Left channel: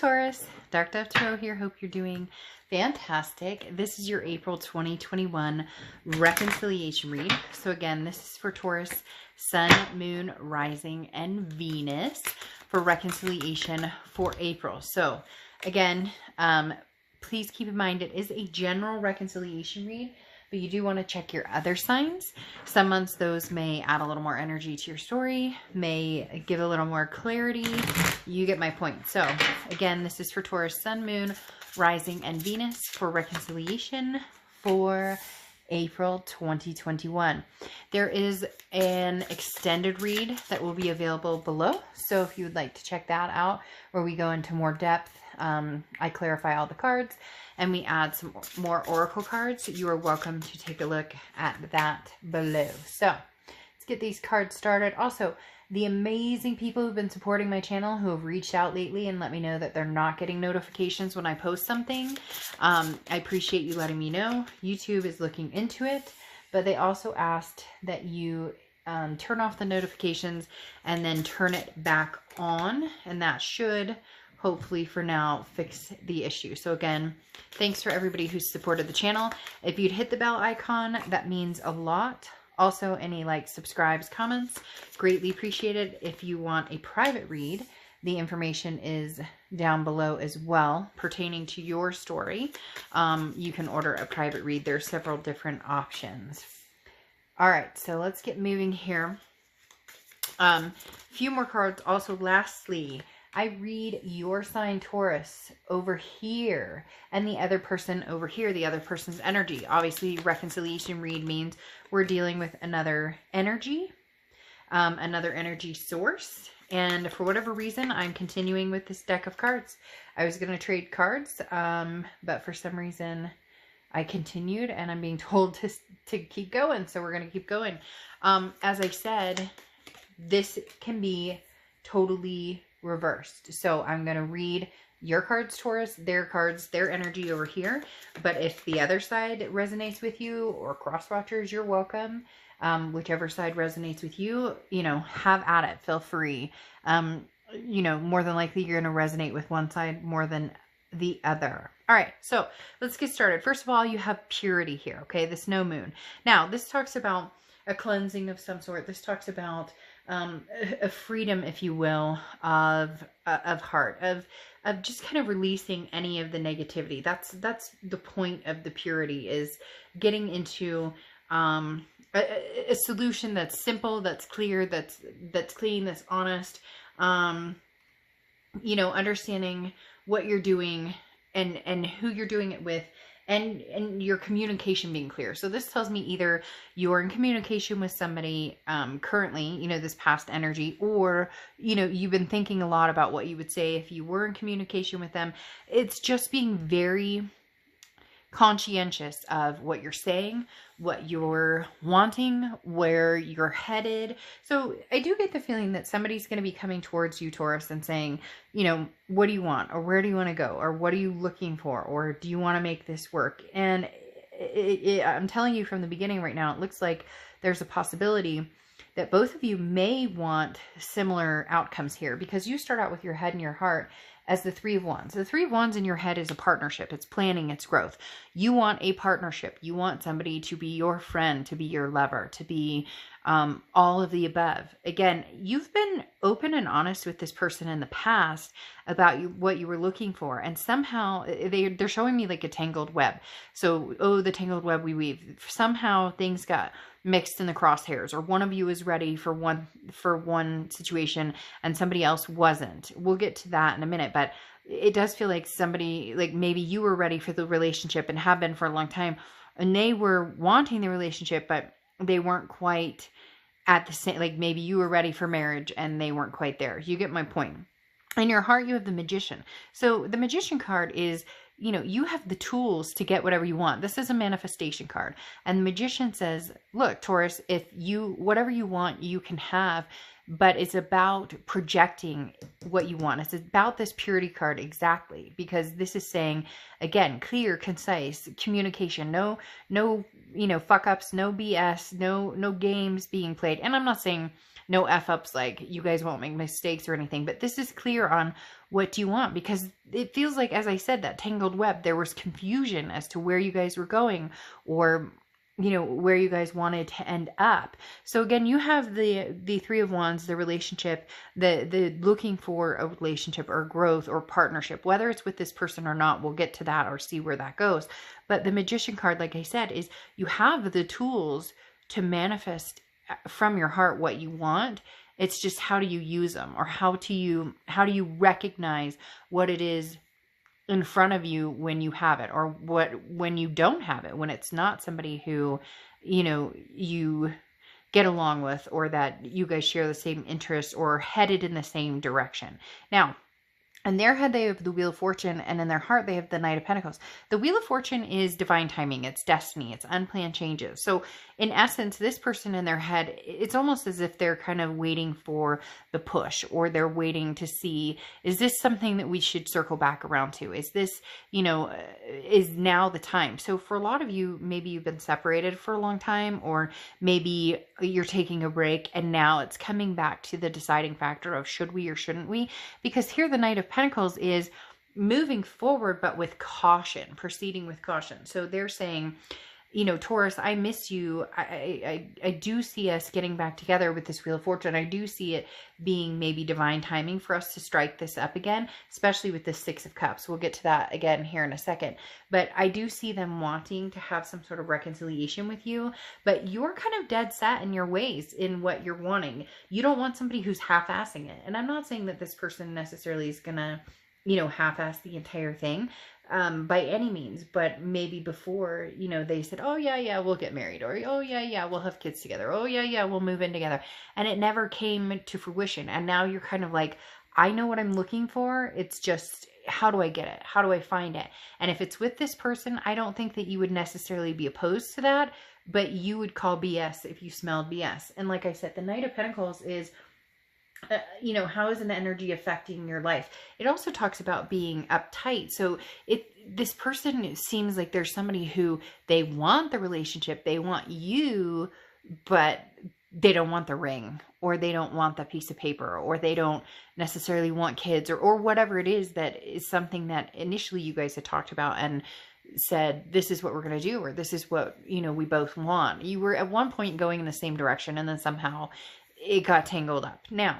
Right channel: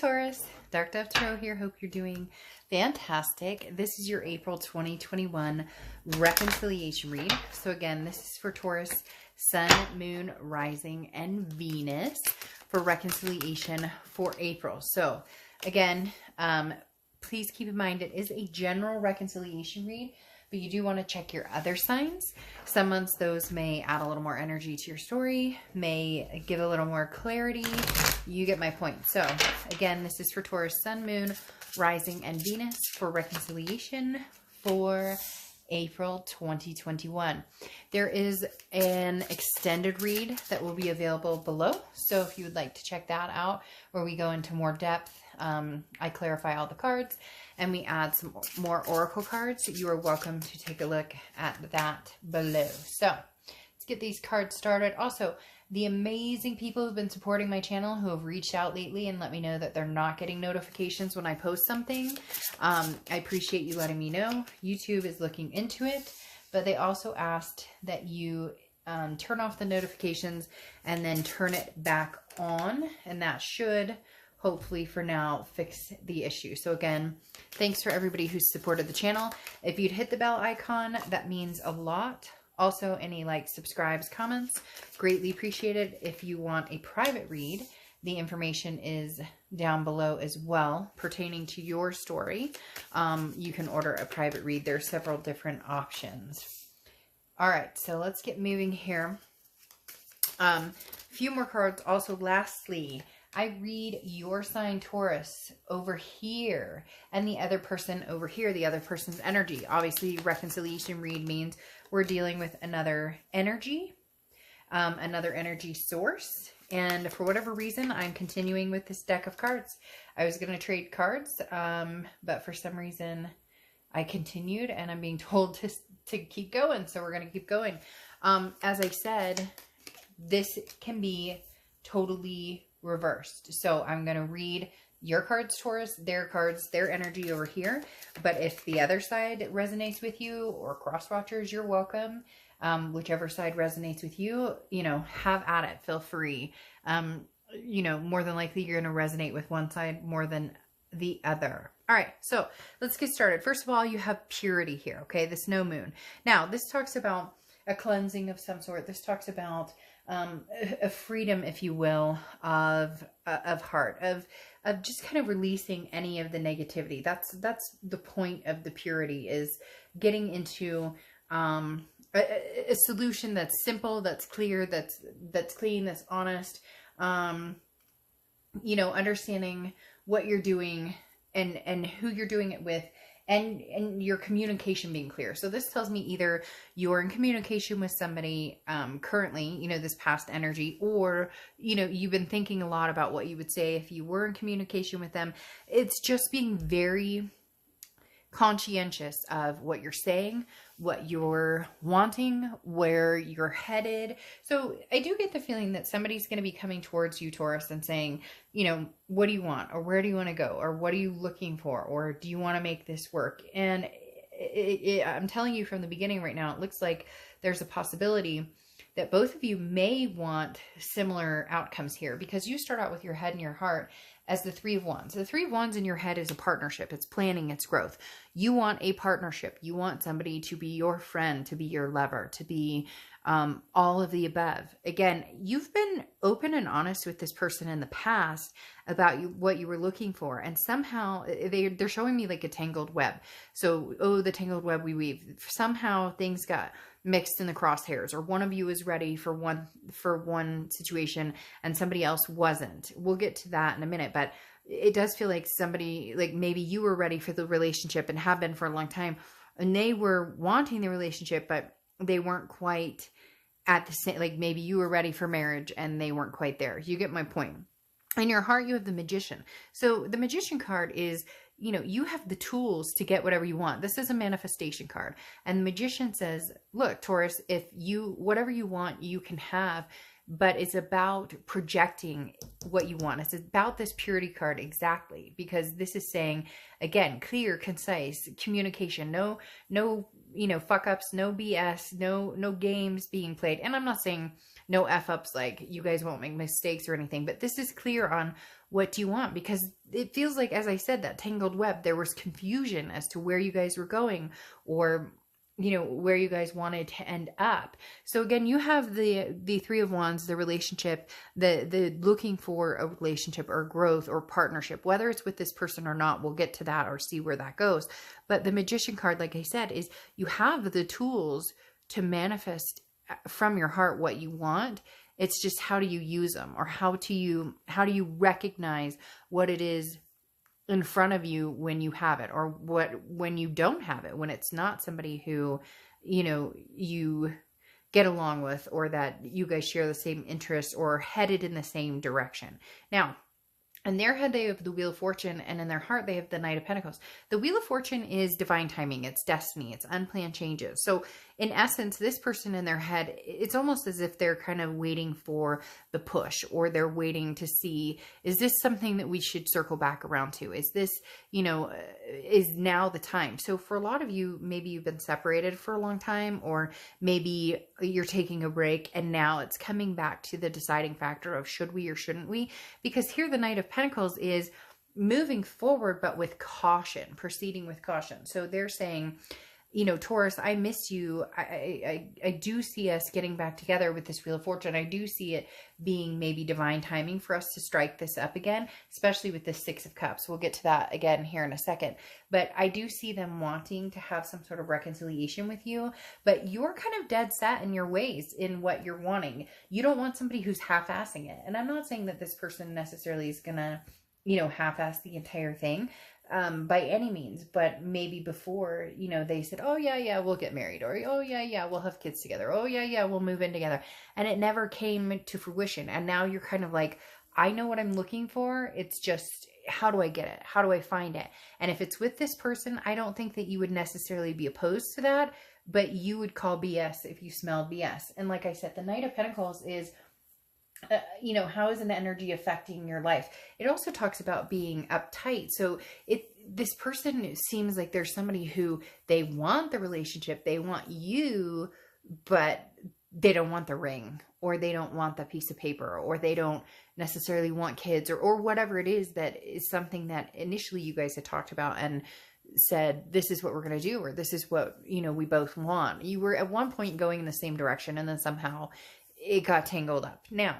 Taurus, Dark Dove Tarot here. Hope you're doing fantastic. This is your April 2021 reconciliation read. So again, this is for Taurus, Sun, Moon, Rising, and Venus for reconciliation for April. So again, please keep in mind it is a general reconciliation read, but you do want to check your other signs. Some months those may add a little more energy to your story, may give a little more clarity. You get my point. So again, this is for Taurus, Sun, Moon, Rising, and Venus for reconciliation for April 2021. There is an extended read that will be available below. So if you would like to check that out, where we go into more depth, I clarify all the cards and we add some more oracle cards. You are welcome to take a look at that below. So let's get these cards started. Also, the amazing people who've been supporting my channel, who have reached out lately and let me know that they're not getting notifications when I post something. I appreciate you letting me know. YouTube is looking into it, but they also asked that you turn off the notifications and then turn it back on, and that should hopefully for now fix the issue. So again, thanks for everybody who's supported the channel. If you'd hit the bell icon, that means a lot. Also, any likes, subscribes, comments, greatly appreciated. If you want a private read, the information is down below as well pertaining to your story. You can order a private read. There are several different options. All right, so let's get moving here. A few more cards. Also, lastly, I read your sign, Taurus, over here, and the other person over here, the other person's energy. Obviously, reconciliation read means we're dealing with another energy source. And for whatever reason, I'm continuing with this deck of cards. I was going to trade cards, but for some reason, I continued, and I'm being told to keep going, so we're going to keep going. As I said, this can be totally reversed. So I'm going to read your cards, Taurus, their cards, their energy over here. But if the other side resonates with you, or cross watchers, you're welcome. Whichever side resonates with you, you know, have at it. Feel free. You know, more than likely you're going to resonate with one side more than the other. All right, so let's get started. First of all, you have purity here, okay? This no moon. Now, this talks about a cleansing of some sort. This talks about a freedom, if you will, of heart, of just kind of releasing any of the negativity. That's the point of the purity, is getting into a solution that's simple, that's clear, that's clean, that's honest. You know, understanding what you're doing and who you're doing it with, and your communication being clear. So this tells me either you're in communication with somebody currently, you know, this past energy, or, you know, you've been thinking a lot about what you would say if you were in communication with them. It's just being very conscientious of what you're saying, what you're wanting, where you're headed. So I do get the feeling that somebody's going to be coming towards you, Taurus, and saying, you know, what do you want? Or where do you want to go? Or what are you looking for? Or do you want to make this work? And I'm telling you from the beginning right now, it looks like there's a possibility that both of you may want similar outcomes here, because you start out with your head and your heart as the Three of Wands. The Three of Wands in your head is a partnership. It's planning, it's growth. You want a partnership. You want somebody to be your friend, to be your lover, to be all of the above. Again, you've been open and honest with this person in the past about what you were looking for. And somehow they're showing me like a tangled web. So, oh, the tangled web we weave. Somehow things got mixed in the crosshairs, or one of you is ready for one situation and somebody else wasn't. We'll get to that in a minute, but it does feel like somebody, like maybe you were ready for the relationship and have been for a long time, and they were wanting the relationship, but they weren't quite at the same, like maybe you were ready for marriage and they weren't quite there. You get my point. In your heart, you have the Magician. So the Magician card is, you know, you have the tools to get whatever you want. This is a manifestation card. And the Magician says, look, Taurus, if you, whatever you want, you can have, but it's about projecting what you want. It's about this purity card exactly, because this is saying, again, clear, concise communication, no, you know, fuck ups, no BS, no games being played. And I'm not saying no F ups, like you guys won't make mistakes or anything, but this is clear on what do you want, because it feels like, as I said, that tangled web, there was confusion as to where you guys were going, or where you guys wanted to end up. So again, you have the Three of Wands, the relationship, the looking for a relationship or growth or partnership, whether it's with this person or not. We'll get to that or see where that goes. But the Magician card, like I said, is you have the tools to manifest from your heart what you want. It's just, how do you use them, or how do you recognize what it is in front of you when you have it, or when you don't have it, when it's not somebody who you get along with, or that you guys share the same interests or are headed in the same direction. Now, in their head, they have the Wheel of Fortune, and in their heart, they have the Knight of Pentacles. The Wheel of Fortune is divine timing. It's destiny. It's unplanned changes. So in essence, this person in their head, it's almost as if they're kind of waiting for the push, or they're waiting to see, is this something that we should circle back around to? Is this, is now the time? So for a lot of you, maybe you've been separated for a long time, or maybe you're taking a break and now it's coming back to the deciding factor of should we or shouldn't we? Because here the Knight of Pentacles is moving forward, but with caution, proceeding with caution. So they're saying, Taurus, I miss you. I do see us getting back together with this Wheel of Fortune. I do see it being maybe divine timing for us to strike this up again, especially with the Six of Cups. We'll get to that again here in a second. But I do see them wanting to have some sort of reconciliation with you, but you're kind of dead set in your ways in what you're wanting. You don't want somebody who's half-assing it. And I'm not saying that this person necessarily is going to, half-ass the entire thing. By any means, but maybe before, they said, oh yeah, we'll get married, or oh yeah, we'll have kids together, oh yeah, we'll move in together, and it never came to fruition. And now you're kind of like, I know what I'm looking for, it's just, how do I get it? How do I find it? And if it's with this person, I don't think that you would necessarily be opposed to that, but you would call BS if you smelled BS. And like I said, the Knight of Pentacles is, how is an energy affecting your life? It also talks about being uptight. So this person seems like there's somebody who, they want the relationship, they want you, but they don't want the ring, or they don't want the piece of paper, or they don't necessarily want kids, or whatever it is that is something that initially you guys had talked about and said, this is what we're going to do, or this is what, we both want. You were at one point going in the same direction, and then somehow it got tangled up. Now,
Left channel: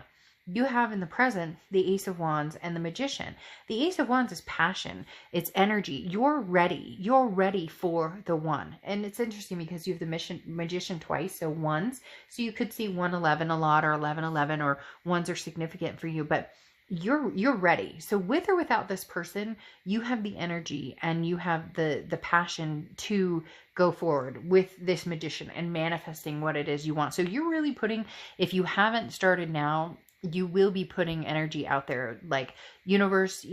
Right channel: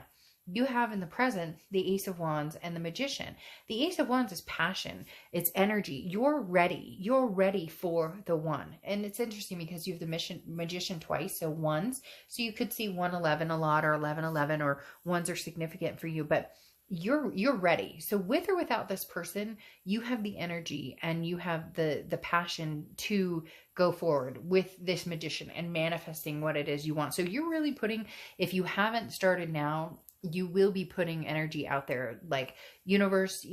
you have in the present the Ace of Wands and the Magician. The Ace of Wands is passion. It's energy. You're ready. You're ready for the one. And it's interesting because you have the Magician twice, so ones. So you could see 111 a lot, or 1111, or ones are significant for you, but you're ready. So with or without this person, you have the energy and you have the passion to go forward with this Magician and manifesting what it is you want. So you're really putting, if you haven't started now, you will be putting energy out there, like, universe,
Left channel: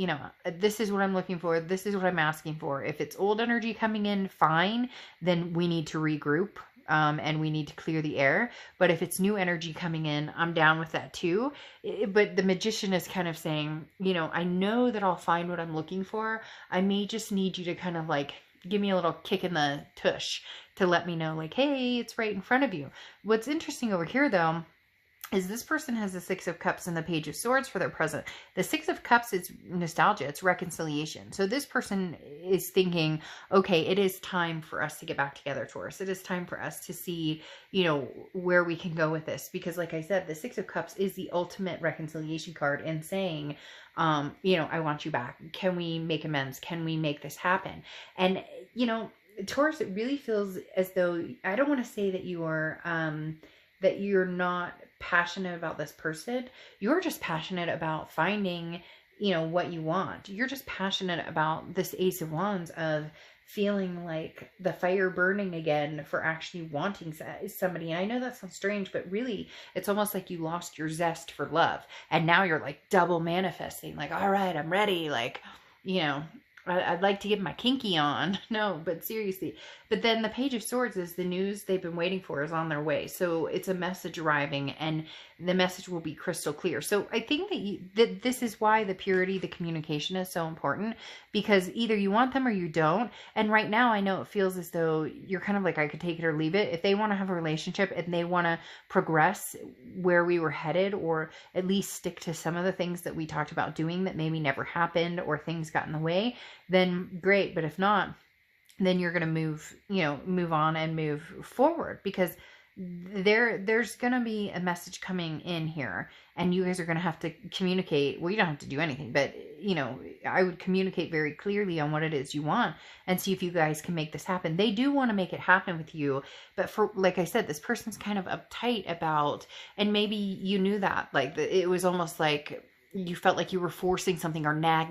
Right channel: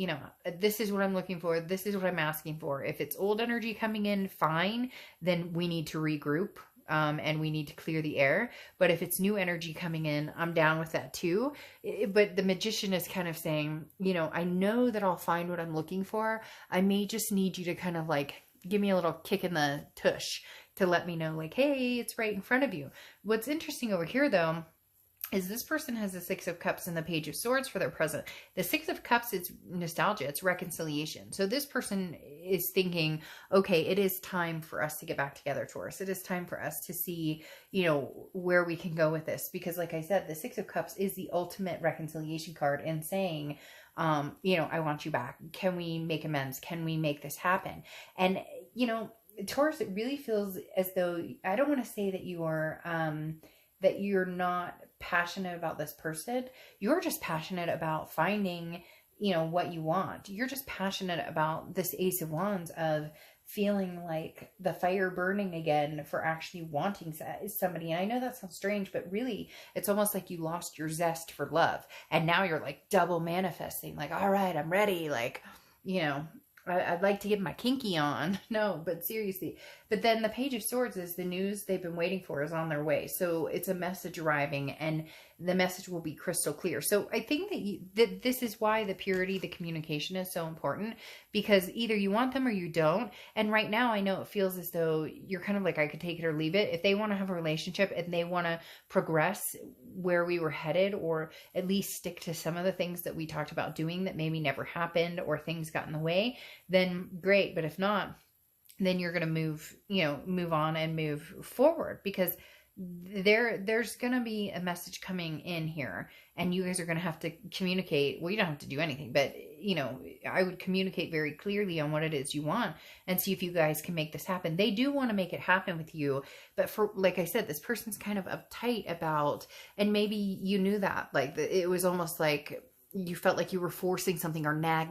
this is what I'm looking for. This is what I'm asking for. If it's old energy coming in, fine, then we need to regroup. And we need to clear the air. But if it's new energy coming in, I'm down with that too. But the Magician is kind of saying, I know that I'll find what I'm looking for. I may just need you to kind of like give me a little kick in the tush to let me know, like, hey, it's right in front of you. What's interesting over here though, is this person has the Six of Cups and the Page of Swords for their present. The Six of Cups is nostalgia. It's reconciliation. So this person is thinking, okay, it is time for us to get back together, Taurus. It is time for us to see, where we can go with this. Because like I said, the Six of Cups is the ultimate reconciliation card in saying, I want you back. Can we make amends? Can we make this happen? And, Taurus, it really feels as though, I don't want to say that that you're not passionate about this person. You're just passionate about finding, what you want. You're just passionate about this Ace of Wands of feeling like the fire burning again for actually wanting somebody. And I know that sounds strange, but really it's almost like you lost your zest for love. And now you're like double manifesting, like, all right, I'm ready. Like, I'd like to get my kinky on. No, but seriously. But then the Page of Swords is the news they've been waiting for is on their way. So it's a message arriving. And the message will be crystal clear. So I think that this is why the purity, the communication is so important, because either you want them or you don't. And right now I know it feels as though you're kind of like, I could take it or leave it. If they want to have a relationship and they want to progress where we were headed, or at least stick to some of the things that we talked about doing that maybe never happened or things got in the way, then great. But if not, then you're going to move on and move forward, because there's going to be a message coming in here, and you guys are going to have to communicate. Well, you don't have to do anything, but I would communicate very clearly on what it is you want and see if you guys can make this happen. They do want to make it happen with you, but for, like I said, this person's kind of uptight about, and maybe you knew that, like it was almost like you felt like you were forcing something, or nag.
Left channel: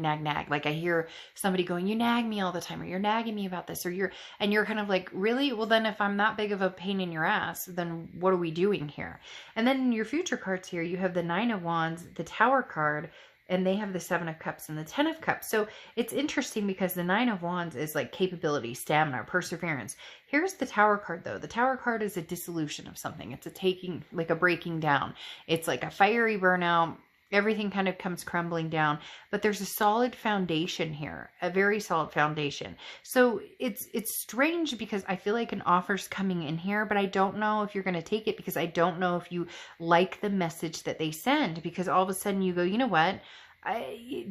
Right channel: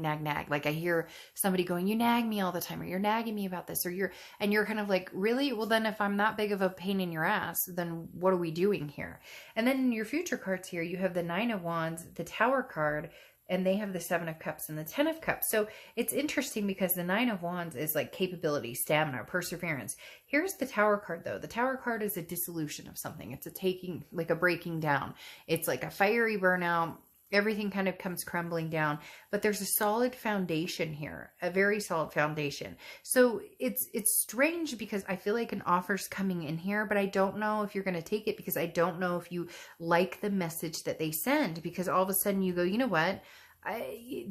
Like I hear somebody going, you nag me all the time, or you're nagging me about this, or you're kind of like, really? Well, then if I'm that big of a pain in your ass, then what are we doing here? And then in your future cards here, you have the 9 of Wands, the Tower card, and they have the 7 of Cups and the 10 of Cups. So it's interesting because the 9 of Wands is like capability, stamina, perseverance. Here's the Tower card though. The Tower card is a dissolution of something. It's a taking, like a breaking down. It's like a fiery burnout. Everything kind of comes crumbling down, but there's a solid foundation here, a very solid foundation. So it's strange because I feel like an offer's coming in here, but I don't know if you're going to take it, because I don't know if you like the message that they send, because all of a sudden you go, you know what?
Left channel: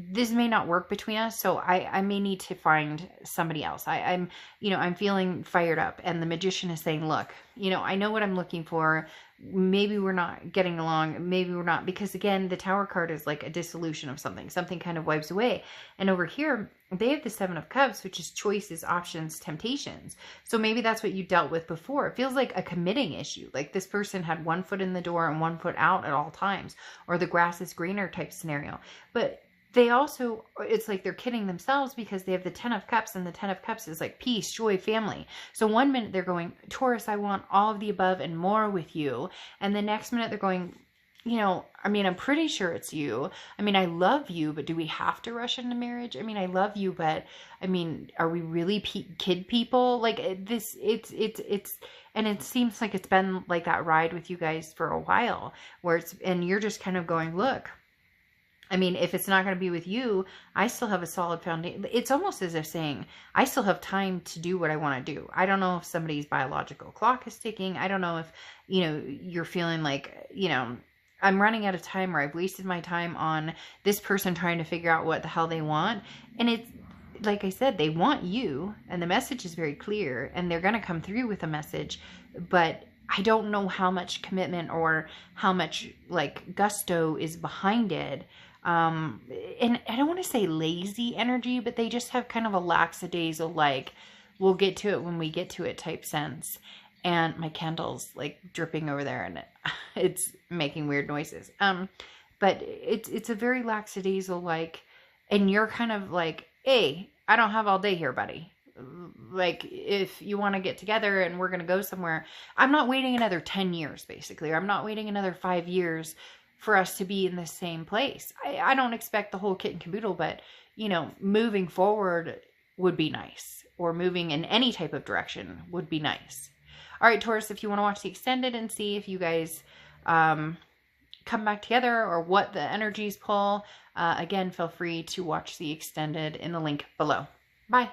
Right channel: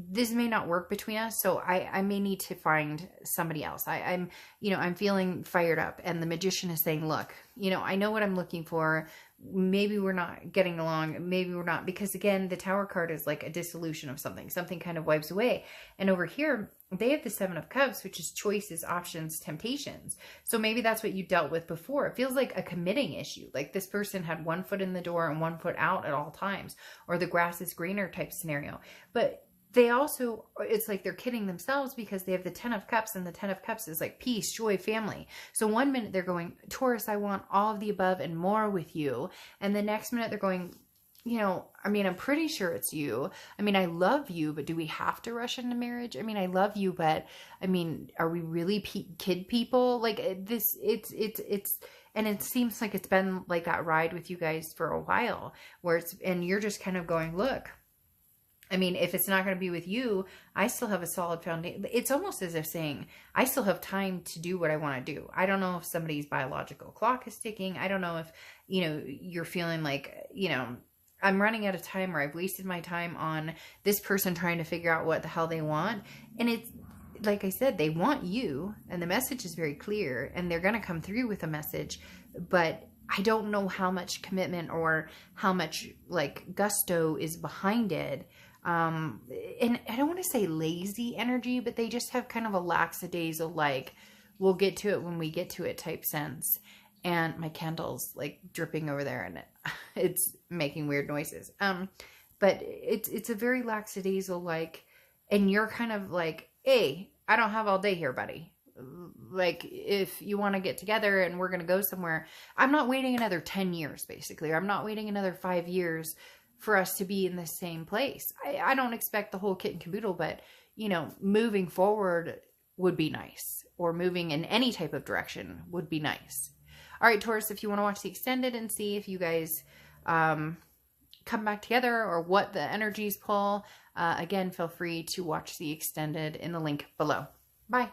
This may not work between us, so I may need to find somebody else. I'm feeling fired up, and the Magician is saying, look, I know what I'm looking for. Maybe we're not getting along. Maybe we're not, because again, the Tower card is like a dissolution of something. Something kind of wipes away. And over here, they have the 7 of Cups, which is choices, options, temptations. So maybe that's what you dealt with before. It feels like a committing issue. Like this person had one foot in the door and one foot out at all times, or the grass is greener type scenario. But they also, it's like they're kidding themselves, because they have the 10 of Cups, and the 10 of Cups is like peace, joy, family. So one minute they're going, Taurus, I want all of the above and more with you. And the next minute they're going, I'm pretty sure it's you. I love you, but do we have to rush into marriage? I love you, but are we really kid people? Like this, it's, and it seems like it's been like that ride with you guys for a while, where and you're just kind of going, look, if it's not going to be with you, I still have a solid foundation. It's almost as if saying, I still have time to do what I want to do. I don't know if somebody's biological clock is ticking. I don't know if, you're feeling like, I'm running out of time, or I've wasted my time on this person trying to figure out what the hell they want. And it's, like I said, they want you, and the message is very clear, and they're going to come through with a message, but I don't know how much commitment or how much like gusto is behind it. And I don't want to say lazy energy, but they just have kind of a lackadaisical, like, we'll get to it when we get to it type sense. And my candle's like dripping over there, and it's making weird noises. But it's a very lackadaisical, like, and you're kind of like, hey, I don't have all day here, buddy. Like, if you want to get together and we're going to go somewhere, I'm not waiting another 10 years, basically. Or I'm not waiting another 5 years for us to be in the same place. I don't expect the whole kit and caboodle, but, moving forward would be nice. Or moving in any type of direction would be nice. All right, Taurus, if you want to watch the extended and see if you guys come back together or what the energies pull, again, feel free to watch the extended in the link below. Bye.